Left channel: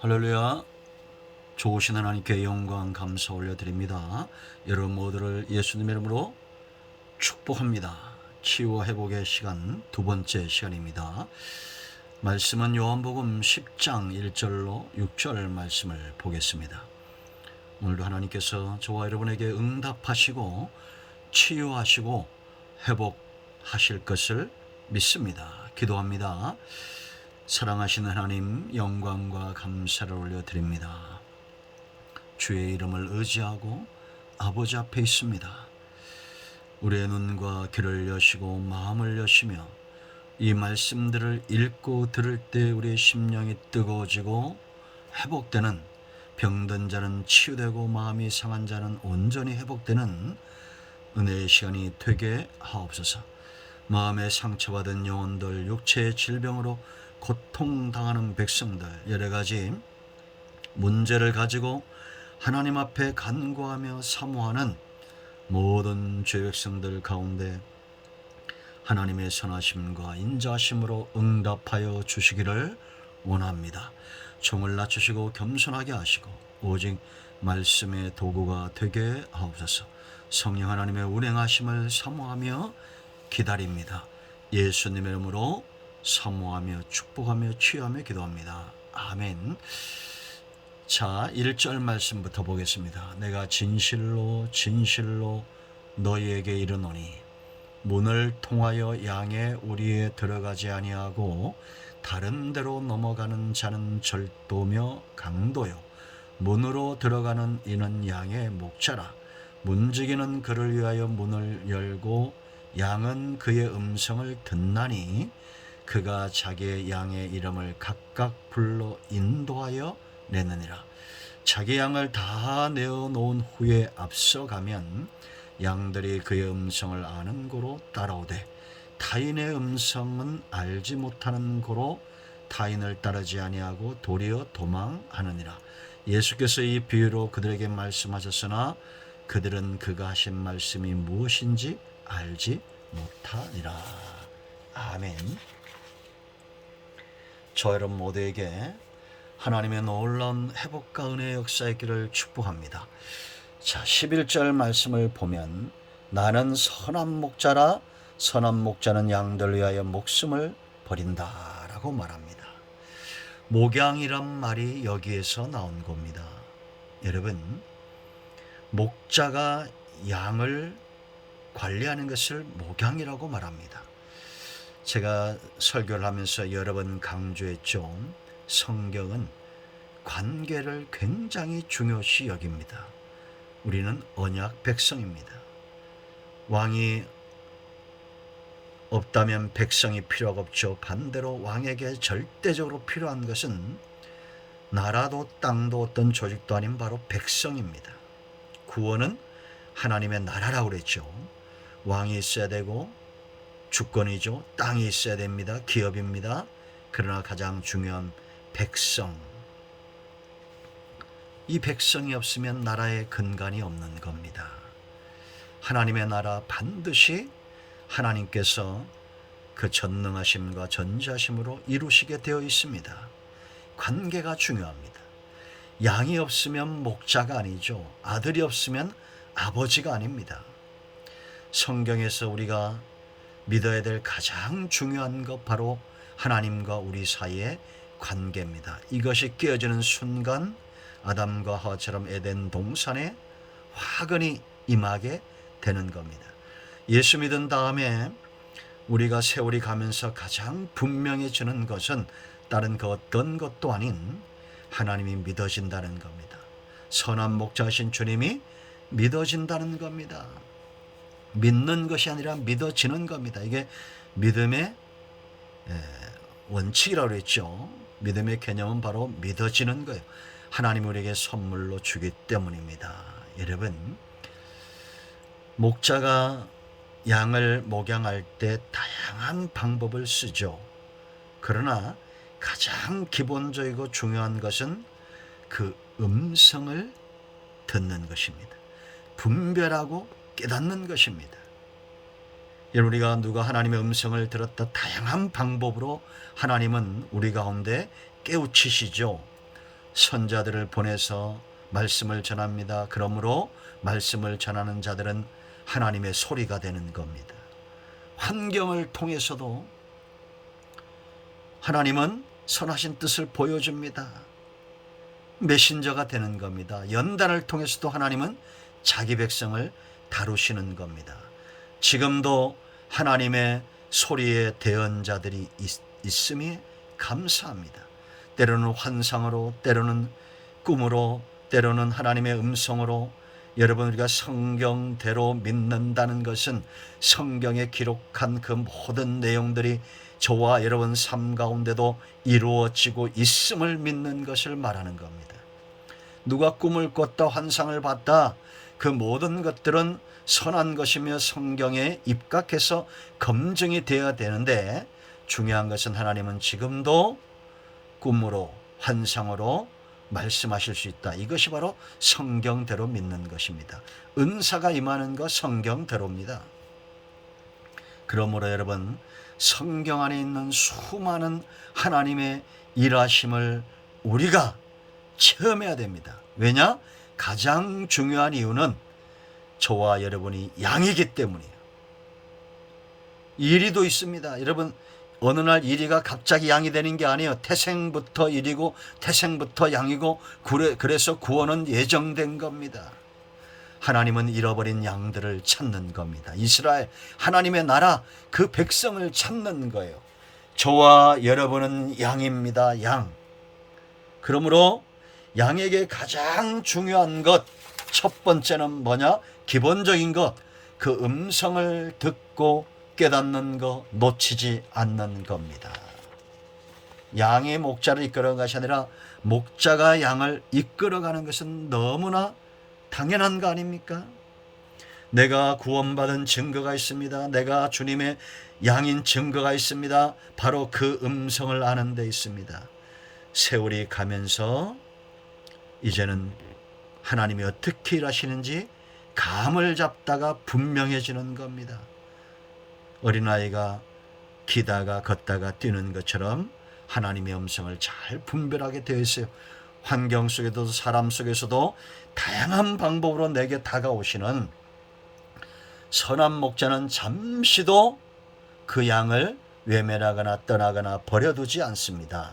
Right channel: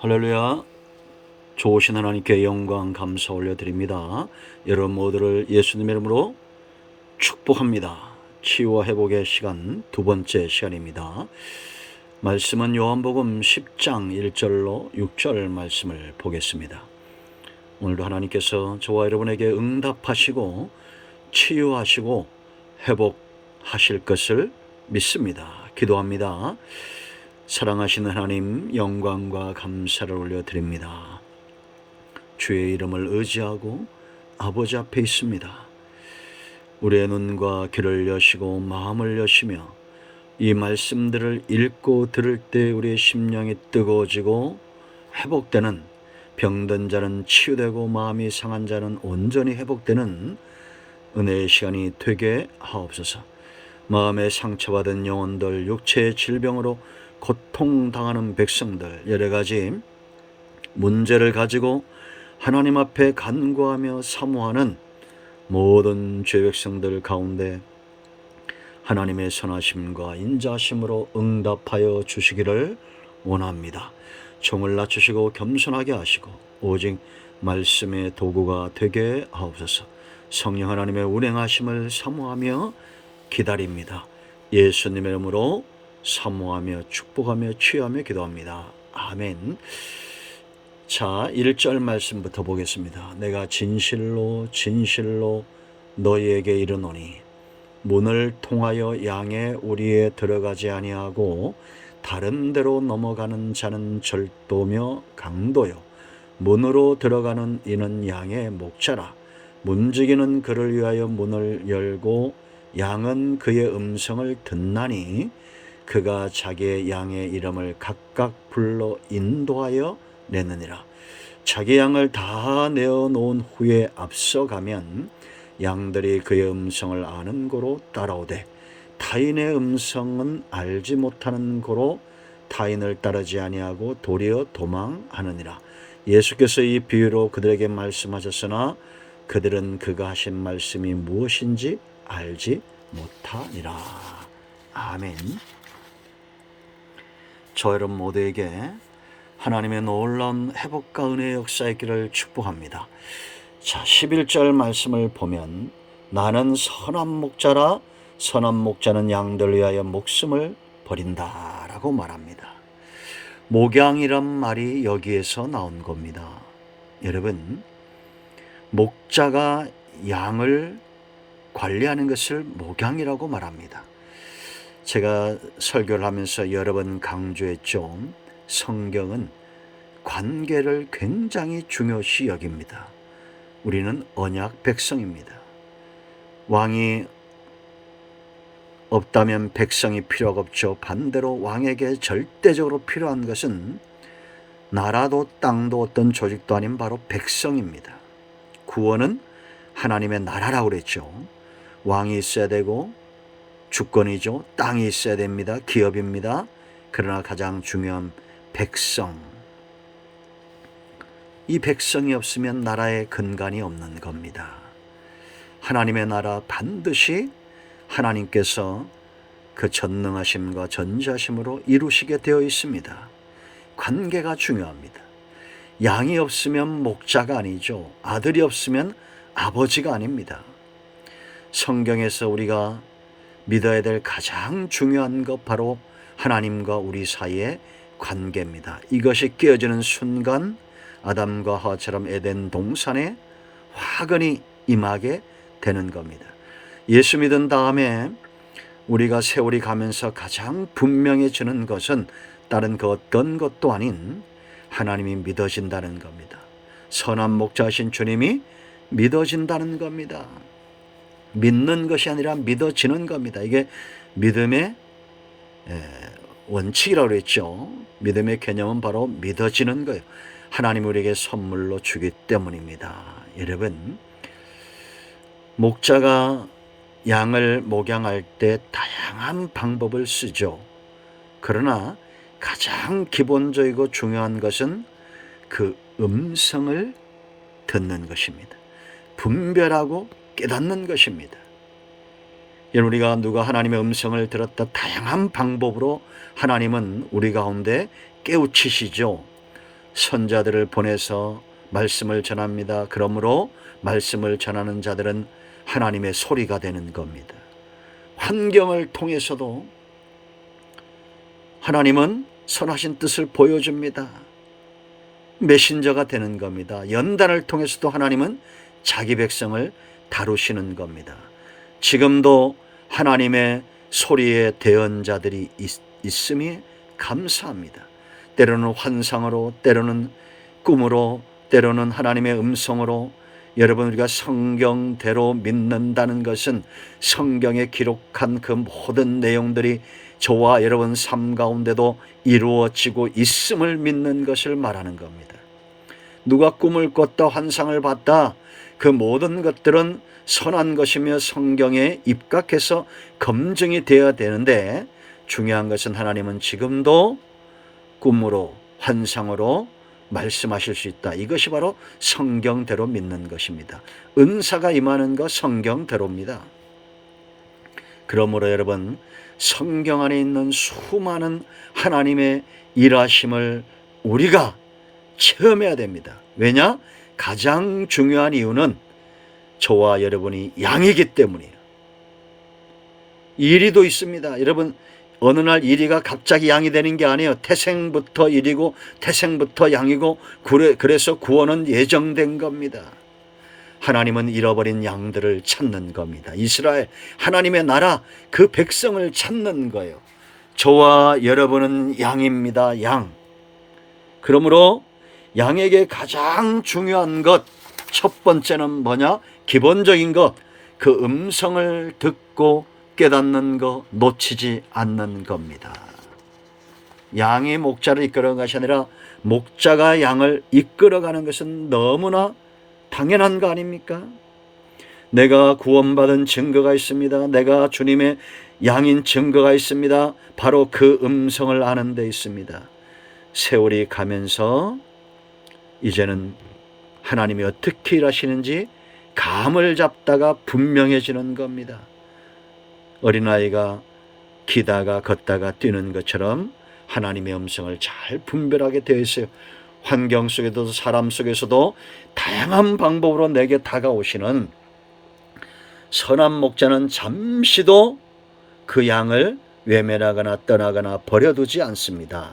할렐루야. 좋으신 하나님께 영광 감사 올려드립니다. 여러분 모두를 예수님의 이름으로 축복합니다. 치유와 회복의 시간, 두 번째 시간입니다. 말씀은 요한복음 10장 1절로 6절 말씀을 보겠습니다. 오늘도 하나님께서 저와 여러분에게 응답하시고 치유하시고 회복하실 것을 믿습니다. 기도합니다. 사랑하시는 하나님, 영광과 감사를 올려드립니다. 주의 이름을 의지하고 아버지 앞에 있습니다. 우리의 눈과 귀를 여시고 마음을 여시며 이 말씀들을 읽고 들을 때 우리의 심령이 뜨거워지고 회복되는, 병든 자는 치유되고 마음이 상한 자는 온전히 회복되는 은혜의 시간이 되게 하옵소서. 마음에 상처받은 영혼들, 육체의 질병으로 고통당하는 백성들, 여러 가지 문제를 가지고 하나님 앞에 간구하며 사모하는 모든 죄 백성들 가운데 하나님의 선하심과 인자하심으로 응답하여 주시기를 원합니다. 종을 낮추시고 겸손하게 하시고 오직 말씀의 도구가 되게 하옵소서. 성령 하나님의 운행하심을 사모하며 기다립니다. 예수님의 이름으로 사모하며 축복하며 취하며 기도합니다. 아멘. 자, 1절 말씀부터 보겠습니다. 내가 진실로 진실로 너희에게 이르노니 문을 통하여 양의 우리에 들어가지 아니하고 다른 데로 넘어가는 자는 절도며 강도요 문으로 들어가는 이는 양의 목자라. 문지기는 그를 위하여 문을 열고 양은 그의 음성을 듣나니 그가 자기의 양의 이름을 각각 불러 인도하여 내느니라. 자기 양을 다 내어놓은 후에 앞서가면 양들이 그의 음성을 아는 고로 따라오되 타인의 음성은 알지 못하는 고로 타인을 따르지 아니하고 도리어 도망하느니라. 예수께서 이 비유로 그들에게 말씀하셨으나 그들은 그가 하신 말씀이 무엇인지 알지 못하니라. 아멘. 저 여러분 모두에게 하나님의 놀라운 회복과 은혜의 역사의 길을 축복합니다. 자, 11절 말씀을 보면 나는 선한 목자라 선한 목자는 양들 위하여 목숨을 버린다 라고 말합니다. 목양이란 말이 여기에서 나온 겁니다. 여러분, 목자가 양을 관리하는 것을 목양이라고 말합니다. 제가 설교를 하면서 여러 번 강조했죠. 성경은 관계를 굉장히 중요시 여깁니다. 우리는 언약 백성입니다. 왕이 없다면 백성이 필요가 없죠. 반대로 왕에게 절대적으로 필요한 것은 나라도 땅도 어떤 조직도 아닌 바로 백성입니다. 구원은 하나님의 나라라고 그랬죠. 왕이 있어야 되고 주권이죠. 땅이 있어야 됩니다. 기업입니다. 그러나 가장 중요한 백성. 이 백성이 없으면 나라의 근간이 없는 겁니다. 하나님의 나라 반드시 하나님께서 그 전능하심과 전지하심으로 이루시게 되어 있습니다. 관계가 중요합니다. 양이 없으면 목자가 아니죠. 아들이 없으면 아버지가 아닙니다. 성경에서 우리가 믿어야 될 가장 중요한 것 바로 하나님과 우리 사이의 관계입니다. 이것이 깨어지는 순간 아담과 하와처럼 에덴 동산에 화근이 임하게 되는 겁니다. 예수 믿은 다음에 우리가 세월이 가면서 가장 분명해지는 것은 다른 그 어떤 것도 아닌 하나님이 믿어진다는 겁니다. 선한 목자이신 주님이 믿어진다는 겁니다. 믿는 것이 아니라 믿어지는 겁니다. 이게 믿음의 원칙이라고 했죠. 믿음의 개념은 바로 믿어지는 거예요. 하나님 우리에게 선물로 주기 때문입니다. 여러분, 목자가 양을 목양할 때 다양한 방법을 쓰죠. 그러나 가장 기본적이고 중요한 것은 그 음성을 듣는 것입니다. 분별하고 깨닫는 것입니다. 여러분, 우리가 누가 하나님의 음성을 들었다 다양한 방법으로 하나님은 우리 가운데 깨우치시죠. 선자들을 보내서 말씀을 전합니다. 그러므로 말씀을 전하는 자들은 하나님의 소리가 되는 겁니다. 환경을 통해서도 하나님은 선하신 뜻을 보여줍니다. 메신저가 되는 겁니다. 연단을 통해서도 하나님은 자기 백성을 다루시는 겁니다. 지금도 하나님의 소리의 대언자들이 있음이 감사합니다. 때로는 환상으로, 때로는 꿈으로, 때로는 하나님의 음성으로. 여러분, 우리가 성경대로 믿는다는 것은 성경에 기록한 그 모든 내용들이 저와 여러분 삶 가운데도 이루어지고 있음을 믿는 것을 말하는 겁니다. 누가 꿈을 꿨다, 환상을 봤다, 그 모든 것들은 선한 것이며 성경에 입각해서 검증이 되어야 되는데, 중요한 것은 하나님은 지금도 꿈으로, 환상으로 말씀하실 수 있다. 이것이 바로 성경대로 믿는 것입니다. 은사가 임하는 것 성경대로입니다. 그러므로 여러분, 성경 안에 있는 수많은 하나님의 일하심을 우리가 체험해야 됩니다. 왜냐? 가장 중요한 이유는 저와 여러분이 양이기 때문이에요. 이리도 있습니다. 여러분, 어느 날 이리가 갑자기 양이 되는 게 아니에요. 태생부터 이리고 태생부터 양이고, 그래서 구원은 예정된 겁니다. 하나님은 잃어버린 양들을 찾는 겁니다. 이스라엘, 하나님의 나라, 그 백성을 찾는 거예요. 저와 여러분은 양입니다. 양. 그러므로 양에게 가장 중요한 것, 첫 번째는 뭐냐? 기본적인 것, 그 음성을 듣고 깨닫는 거, 놓치지 않는 겁니다. 양이 목자를 이끌어가는 것이 아니라 목자가 양을 이끌어가는 것은 너무나 당연한 거 아닙니까? 내가 구원받은 증거가 있습니다. 내가 주님의 양인 증거가 있습니다. 바로 그 음성을 아는 데 있습니다. 세월이 가면서 이제는 하나님이 어떻게 일하시는지 감을 잡다가 분명해지는 겁니다. 어린아이가 기다가 걷다가 뛰는 것처럼 하나님의 음성을 잘 분별하게 되어 있어요. 환경 속에서도 사람 속에서도 다양한 방법으로 내게 다가오시는 선한 목자는 잠시도 그 양을 외면하거나 떠나거나 버려두지 않습니다.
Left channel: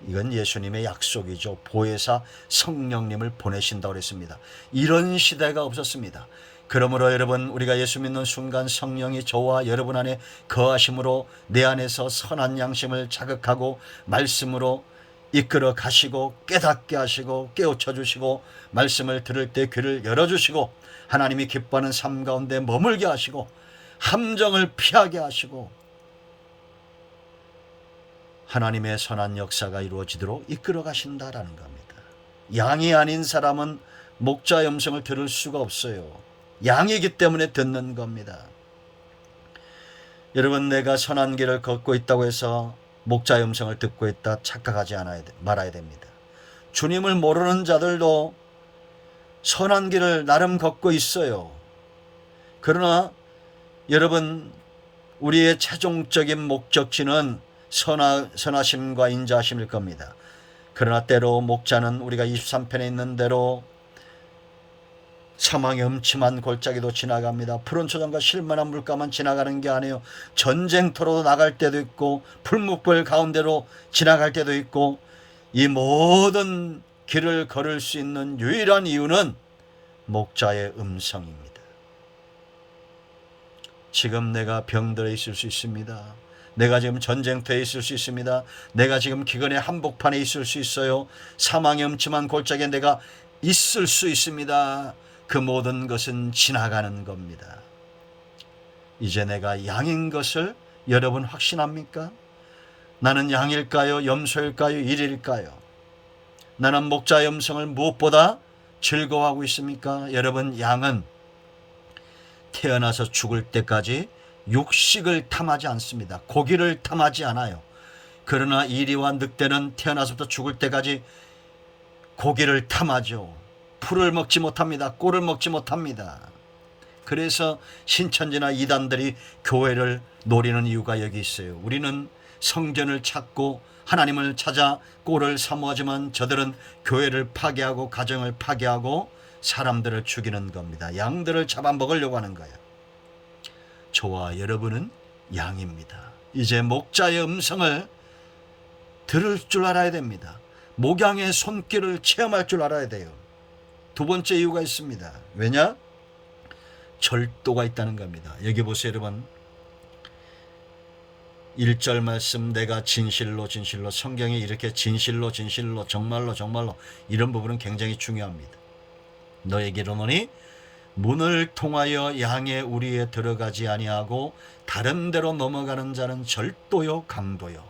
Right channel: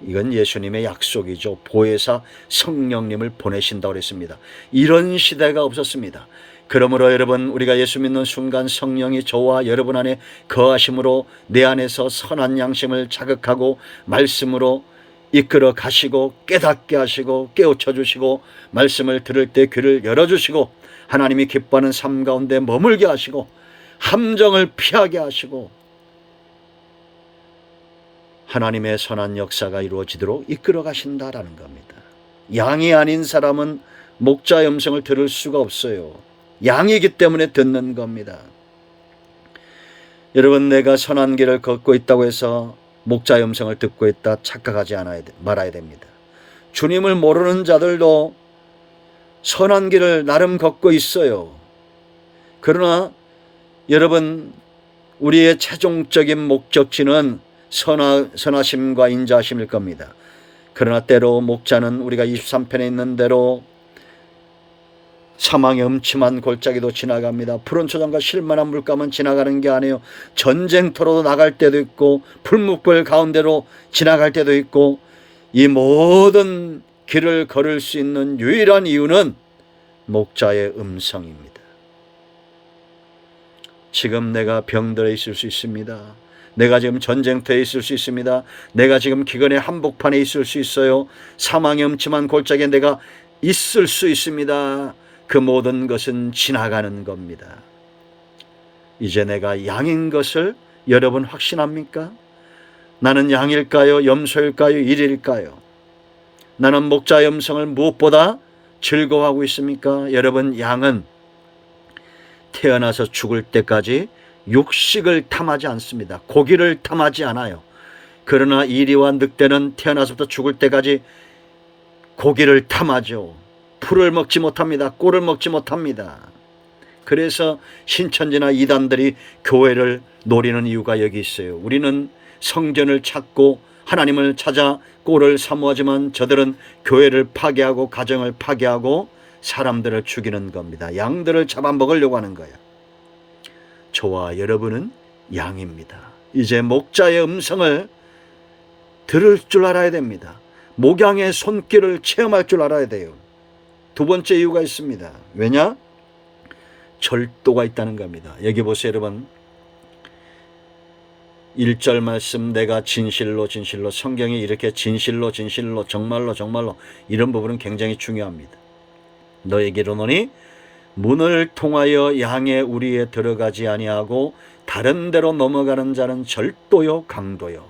이건 예수님의 약속이죠. 보혜사 성령님을 보내신다고 했습니다. 이런 시대가 없었습니다. 그러므로 여러분, 우리가 예수 믿는 순간 성령이 저와 여러분 안에 거하심으로 내 안에서 선한 양심을 자극하고 말씀으로 이끌어 가시고 깨닫게 하시고 깨우쳐 주시고 말씀을 들을 때 귀를 열어주시고 하나님이 기뻐하는 삶 가운데 머물게 하시고 함정을 피하게 하시고 하나님의 선한 역사가 이루어지도록 이끌어 가신다라는 겁니다. 양이 아닌 사람은 목자의 음성을 들을 수가 없어요. 양이기 때문에 듣는 겁니다. 여러분, 내가 선한 길을 걷고 있다고 해서 목자의 음성을 듣고 있다 착각하지 말아야 됩니다. 주님을 모르는 자들도 선한 길을 나름 걷고 있어요. 그러나 여러분, 우리의 최종적인 목적지는 선하심과 인자하심일 겁니다. 그러나 때로 목자는 우리가 23편에 있는 대로 사망의 음침한 골짜기도 지나갑니다. 푸른 초장과 실만한 물가만 지나가는 게 아니에요. 전쟁터로도 나갈 때도 있고 풀무불 가운데로 지나갈 때도 있고, 이 모든 길을 걸을 수 있는 유일한 이유는 목자의 음성입니다. 지금 내가 병들어 있을 수 있습니다. 내가 지금 전쟁터에 있을 수 있습니다. 내가 지금 기근의 한복판에 있을 수 있어요. 사망의 음침한 골짜기에 내가 있을 수 있습니다. 그 모든 것은 지나가는 겁니다. 이제 내가 양인 것을 여러분 확신합니까? 나는 양일까요? 염소일까요? 일일까요? 나는 목자의 음성을 무엇보다 즐거워하고 있습니까? 여러분, 양은 태어나서 죽을 때까지 육식을 탐하지 않습니다. 고기를 탐하지 않아요. 그러나 이리와 늑대는 태어나서부터 죽을 때까지 고기를 탐하죠. 풀을 먹지 못합니다. 꿀을 먹지 못합니다. 그래서 신천지나 이단들이 교회를 노리는 이유가 여기 있어요. 우리는 성전을 찾고 하나님을 찾아 꼴을 사모하지만 저들은 교회를 파괴하고 가정을 파괴하고 사람들을 죽이는 겁니다. 양들을 잡아먹으려고 하는 거예요. 저와 여러분은 양입니다. 이제 목자의 음성을 들을 줄 알아야 됩니다. 목양의 손길을 체험할 줄 알아야 돼요. 두 번째 이유가 있습니다. 왜냐? 절도가 있다는 겁니다. 여기 보세요, 여러분. 1절 말씀, 내가 진실로 진실로, 성경이 이렇게 진실로 진실로, 정말로 정말로, 이런 부분은 굉장히 중요합니다. 너에게 이르노니 문을 통하여 양의 우리에 들어가지 아니하고 다른 데로 넘어가는 자는 절도요 강도요.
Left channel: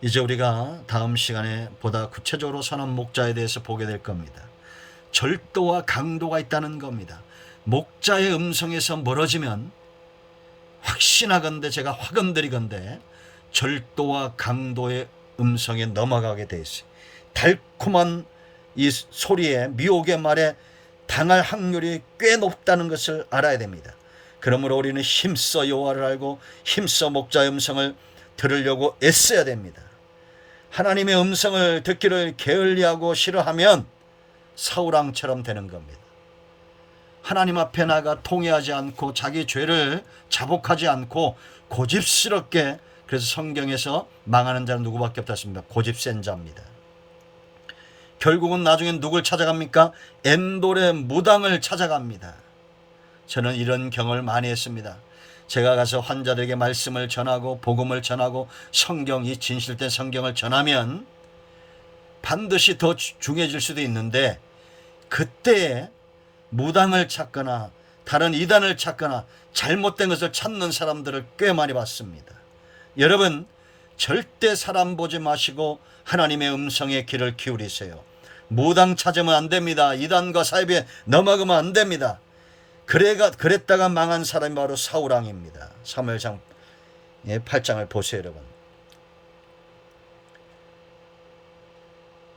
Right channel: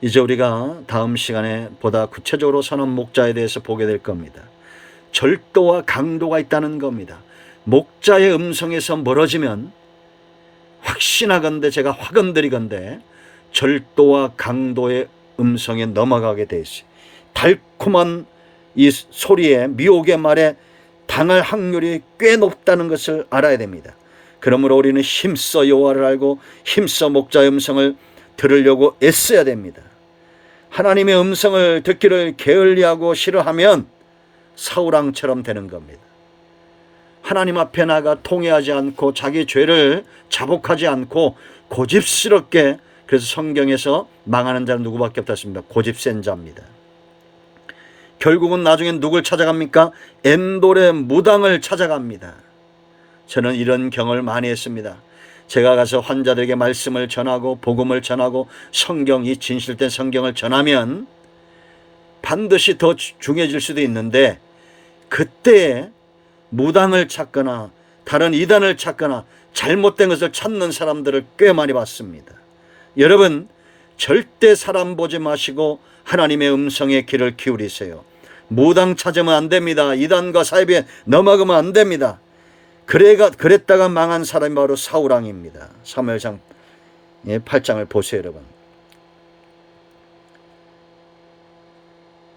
이제 우리가 다음 시간에 보다 구체적으로 선한 목자에 대해서 보게 될 겁니다. 절도와 강도가 있다는 겁니다. 목자의 음성에서 멀어지면 확신하건대, 제가 확언드리건대 절도와 강도의 음성에 넘어가게 돼 있어요. 달콤한 이 소리에, 미혹의 말에 당할 확률이 꽤 높다는 것을 알아야 됩니다. 그러므로 우리는 힘써 여호와를 알고 힘써 목자의 음성을 들으려고 애써야 됩니다. 하나님의 음성을 듣기를 게을리하고 싫어하면 사울왕처럼 되는 겁니다. 하나님 앞에 나가 통회하지 않고 자기 죄를 자복하지 않고 고집스럽게, 그래서 성경에서 망하는 자는 누구밖에 없다습니다. 고집센 자입니다. 결국은 나중엔 누굴 찾아갑니까? 엔돌의 무당을 찾아갑니다. 저는 이런 경험을 많이 했습니다. 제가 가서 환자들에게 말씀을 전하고 복음을 전하고 성경이 진실된 성경을 전하면 반드시 더 중해질 수도 있는데, 그때 무당을 찾거나 다른 이단을 찾거나 잘못된 것을 찾는 사람들을 꽤 많이 봤습니다. 여러분, 절대 사람 보지 마시고 하나님의 음성에 귀를 기울이세요. 무당 찾으면 안 됩니다. 이단과 사이비에 넘어가면 안 됩니다. 그랬다가 망한 사람이 바로 사울왕입니다. 사무엘상 8장을 보세요, 여러분.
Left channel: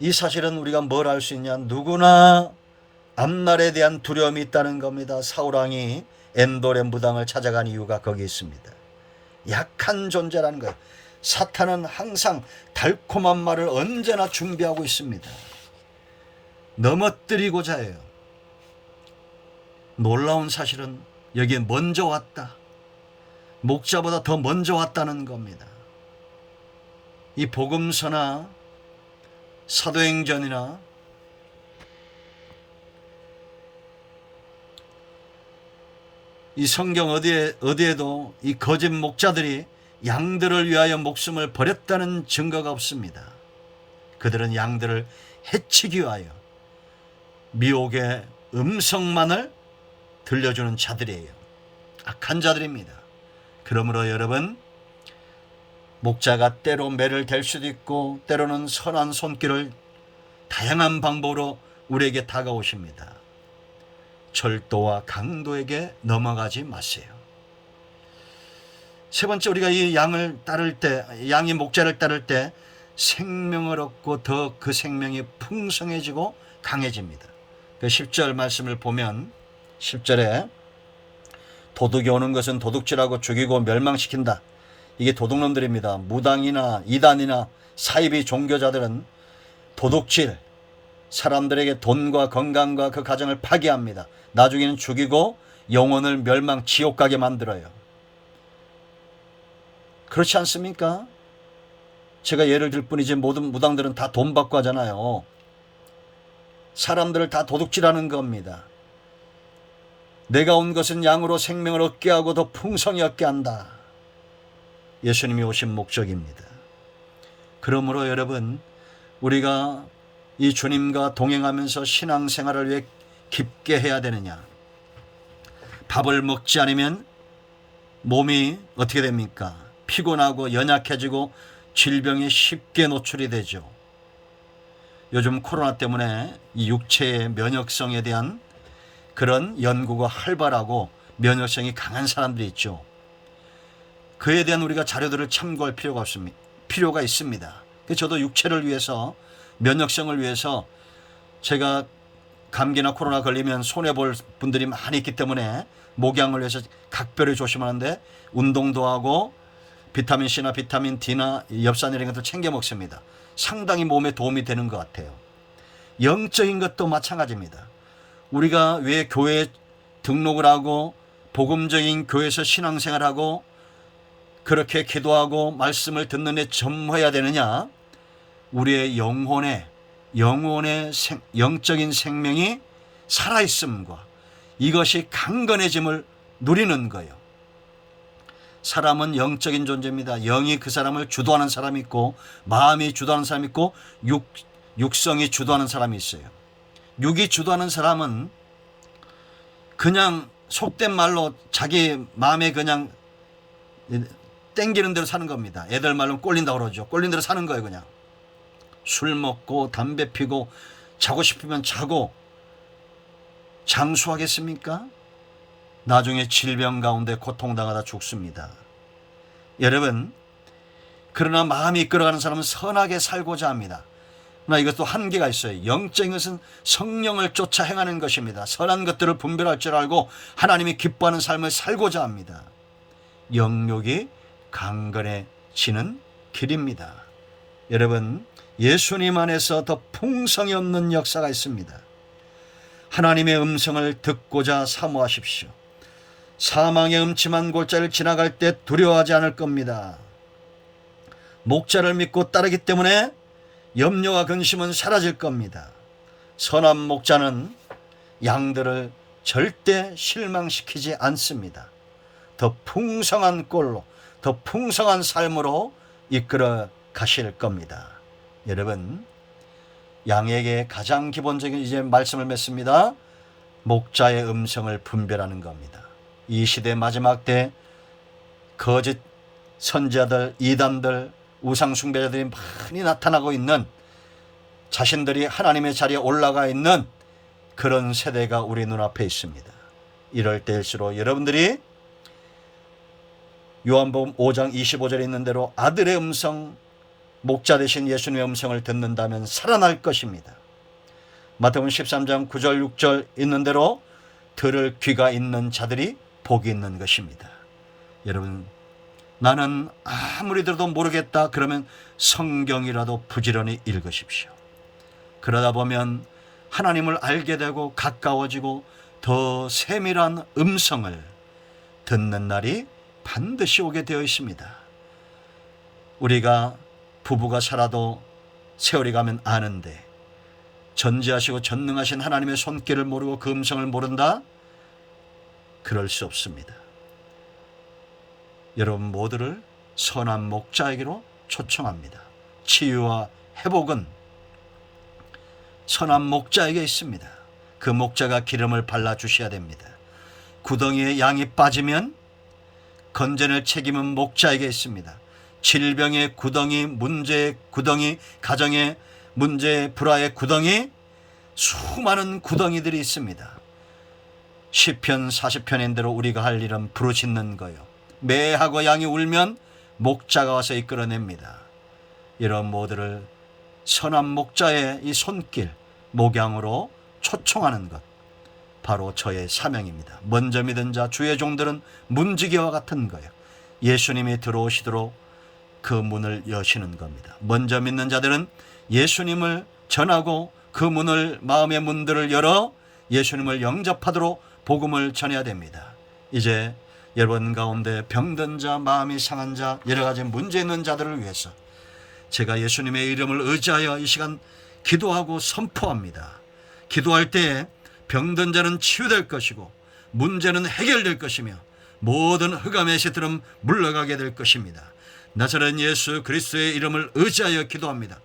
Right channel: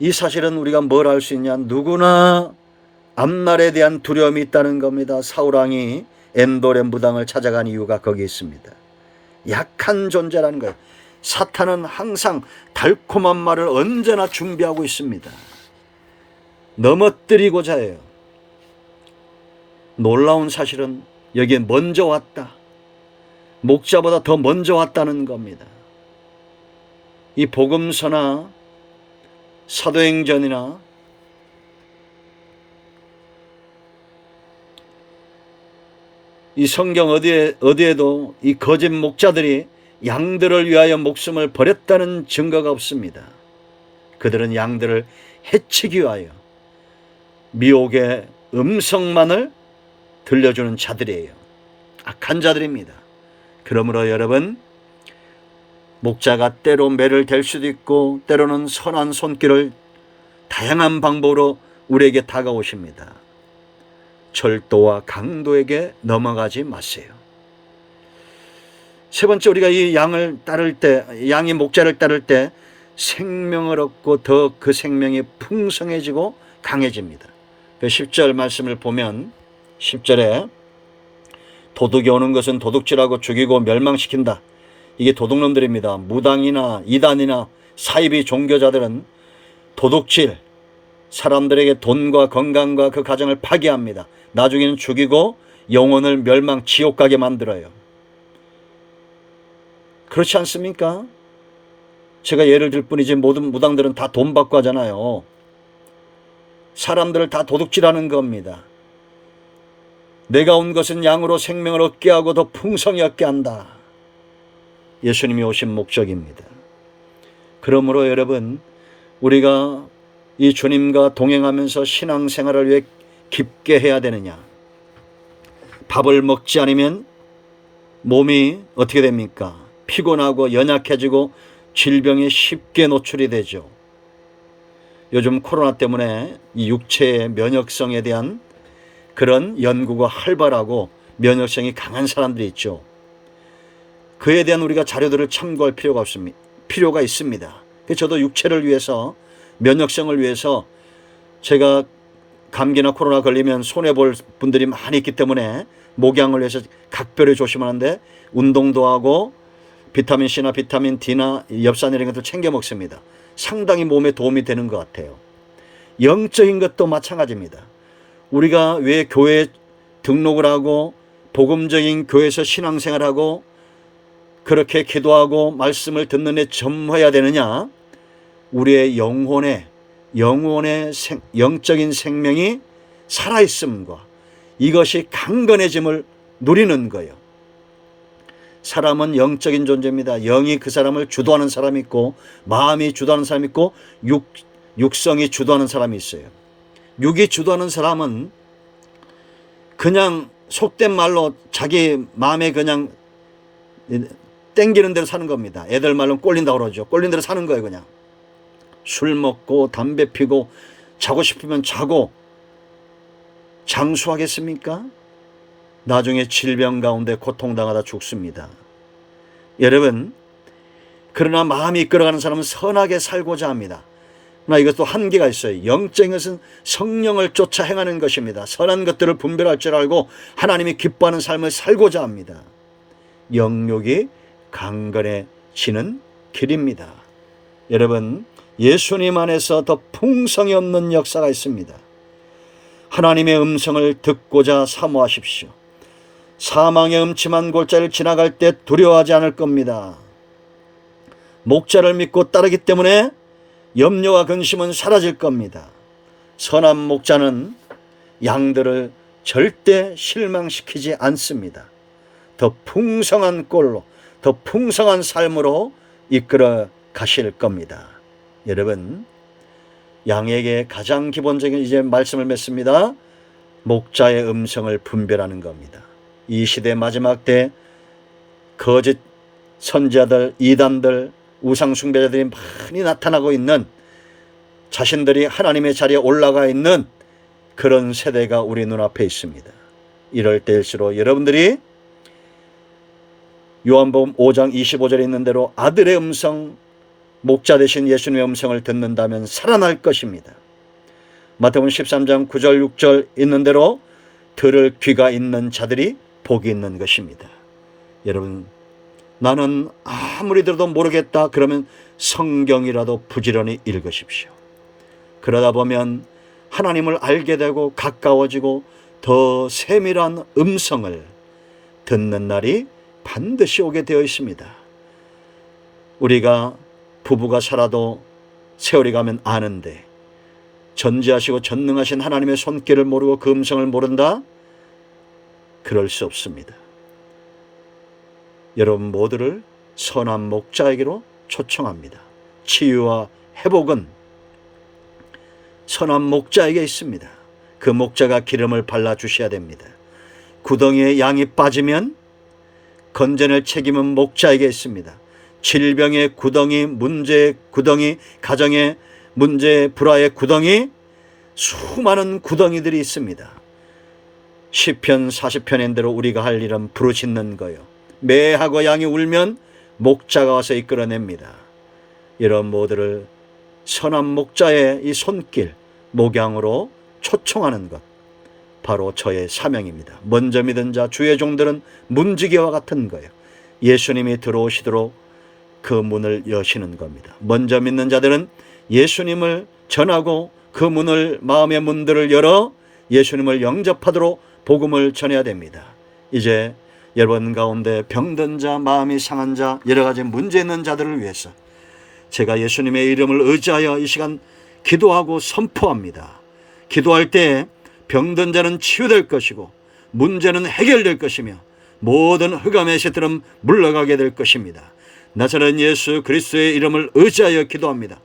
이 사실은 우리가 뭘 알 수 있냐? 누구나 앞날에 대한 두려움이 있다는 겁니다. 사울왕이 엔돌의 무당을 찾아간 이유가 거기 있습니다. 약한 존재라는 거예요. 사탄은 항상 달콤한 말을 언제나 준비하고 있습니다. 넘어뜨리고자 해요. 놀라운 사실은 여기에 먼저 왔다. 목자보다 더 먼저 왔다는 겁니다. 이 복음서나 사도행전이나 이 성경 어디에도 이 거짓 목자들이 양들을 위하여 목숨을 버렸다는 증거가 없습니다. 그들은 양들을 해치기 위하여 미혹의 음성만을 들려주는 자들이에요. 악한 자들입니다. 그러므로 여러분, 목자가 때로 매를 댈 수도 있고 때로는 선한 손길을 다양한 방법으로 우리에게 다가오십니다. 절도와 강도에게 넘어가지 마세요. 세 번째, 우리가 이 양을 따를 때, 양이 목자를 따를 때 생명을 얻고 더 그 생명이 풍성해지고 강해집니다. 그 10절 말씀을 보면 10절에 도둑이 오는 것은 도둑질하고 죽이고 멸망시킨다. 이게 도둑놈들입니다. 무당이나 이단이나 사이비 종교자들은 도둑질, 사람들에게 돈과 건강과 그 가정을 파괴합니다. 나중에는 죽이고 영혼을 멸망 지옥 가게 만들어요. 그렇지 않습니까? 제가 예를 들 뿐이지 모든 무당들은 다 돈 받고 하잖아요. 사람들을 다 도둑질하는 겁니다. 내가 온 것은 양으로 생명을 얻게 하고 더 풍성히 얻게 한다. 예수님이 오신 목적입니다. 그러므로 여러분, 우리가 이 주님과 동행하면서 신앙생활을 왜 깊게 해야 되느냐? 밥을 먹지 않으면 몸이 어떻게 됩니까? 피곤하고 연약해지고 질병에 쉽게 노출이 되죠. 요즘 코로나 때문에 이 육체의 면역성에 대한 그런 연구가 활발하고 면역성이 강한 사람들이 있죠. 그에 대한 우리가 자료들을 참고할 필요가 있습니다. 저도 육체를 위해서, 면역성을 위해서, 제가 감기나 코로나 걸리면 손해볼 분들이 많이 있기 때문에 목양을 위해서 각별히 조심하는데 운동도 하고 비타민 C나 비타민 D나 엽산 이런 것도 챙겨 먹습니다. 상당히 몸에 도움이 되는 것 같아요. 영적인 것도 마찬가지입니다. 우리가 왜 교회에 등록을 하고 복음적인 교회에서 신앙생활하고 그렇게 기도하고 말씀을 듣는 데 전무해야 되느냐? 우리의 영혼의 영적인 생명이 살아있음과 이것이 강건해짐을 누리는 거예요. 사람은 영적인 존재입니다. 영이 그 사람을 주도하는 사람이 있고 마음이 주도하는 사람이 있고 육성이 주도하는 사람이 있어요. 육이 주도하는 사람은 그냥 속된 말로 자기 마음에 그냥 땡기는 대로 사는 겁니다. 애들 말로는 꼴린다고 그러죠. 꼴린 대로 사는 거예요. 그냥 술 먹고 담배 피고 자고 싶으면 자고 장수하겠습니까? 나중에 질병 가운데 고통당하다 죽습니다. 여러분, 그러나 마음이 이끌어가는 사람은 선하게 살고자 합니다. 그러나 이것도 한계가 있어요. 영적인 것은 성령을 쫓아 행하는 것입니다. 선한 것들을 분별할 줄 알고 하나님이 기뻐하는 삶을 살고자 합니다. 영욕이 강건해지는 길입니다. 여러분, 예수님 안에서 더 풍성이 없는 역사가 있습니다. 하나님의 음성을 듣고자 사모하십시오. 사망의 음침한 골짜기를 지나갈 때 두려워하지 않을 겁니다. 목자를 믿고 따르기 때문에 염려와 근심은 사라질 겁니다. 선한 목자는 양들을 절대 실망시키지 않습니다. 더 풍성한 꼴로, 더 풍성한 삶으로 이끌어 가실 겁니다. 여러분, 양에게 가장 기본적인 이제 말씀을 맺습니다. 목자의 음성을 분별하는 겁니다. 이 시대 마지막 때 거짓 선지자들, 이단들, 우상숭배자들이 많이 나타나고 있는, 자신들이 하나님의 자리에 올라가 있는 그런 세대가 우리 눈앞에 있습니다. 이럴 때일수록 여러분들이 요한복음 5장 25절에 있는 대로 아들의 음성, 목자 되신 예수님의 음성을 듣는다면 살아날 것입니다. 마태복음 13장 9절 6절 있는 대로 들을 귀가 있는 자들이 복이 있는 것입니다. 여러분, 나는 아무리 들어도 모르겠다 그러면 성경이라도 부지런히 읽으십시오. 그러다 보면 하나님을 알게 되고 가까워지고 더 세밀한 음성을 듣는 날이 반드시 오게 되어 있습니다. 우리가 부부가 살아도 세월이 가면 아는데 전지하시고 전능하신 하나님의 손길을 모르고 그 음성을 모른다? 그럴 수 없습니다. 여러분 모두를 선한 목자에게로 초청합니다. 치유와 회복은 선한 목자에게 있습니다. 그 목자가 기름을 발라주셔야 됩니다. 구덩이에 양이 빠지면 건져낼 책임은 목자에게 있습니다. 질병의 구덩이, 문제의 구덩이, 가정의 문제, 불화의 구덩이, 수많은 구덩이들이 있습니다. 시편 40편인 대로 우리가 할 일은 부르짖는 거요. 매하고 양이 울면 목자가 와서 이끌어냅니다. 이런 모두를 선한 목자의 이 손길, 목양으로 초청하는 것, 바로 저의 사명입니다. 먼저 믿은 자, 주의 종들은 문지기와 같은 거예요. 예수님이 들어오시도록 그 문을 여시는 겁니다. 먼저 믿는 자들은 예수님을 전하고 그 문을, 마음의 문들을 열어 예수님을 영접하도록 복음을 전해야 됩니다. 이제 여러분 가운데 병든 자, 마음이 상한 자, 여러 가지 문제 있는 자들을 위해서 제가 예수님의 이름을 의지하여 이 시간 기도하고 선포합니다. 기도할 때 병든 자는 치유될 것이고 문제는 해결될 것이며 모든 흑암의 새들은 물러가게 될 것입니다. 나사렛 예수 그리스도의 이름을 의지하여 기도합니다.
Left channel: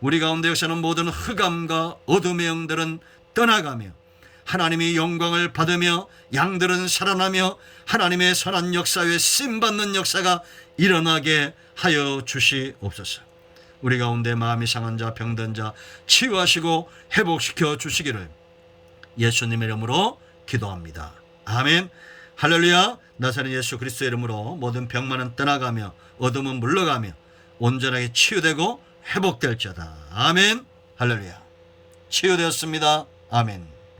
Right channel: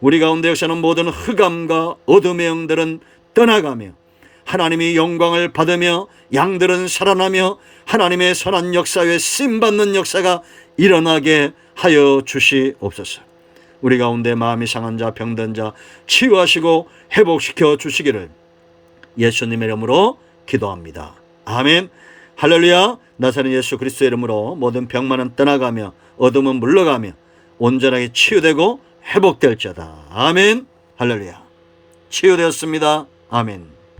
우리 가운데 역사는 모든 흑암과 어둠의 영들은 떠나가며 하나님이 영광을 받으며 양들은 살아나며 하나님의 선한 역사 외에 쓰임받는 역사가 일어나게 하여 주시옵소서. 우리 가운데 마음이 상한 자, 병든 자 치유하시고 회복시켜 주시기를 예수님의 이름으로 기도합니다. 아멘. 할렐루야. 나사렛 예수 그리스도의 이름으로 모든 병만은 떠나가며 어둠은 물러가며 온전하게 치유되고 회복될지어다. 아멘. 할렐루야. 치유되었습니다. 아멘.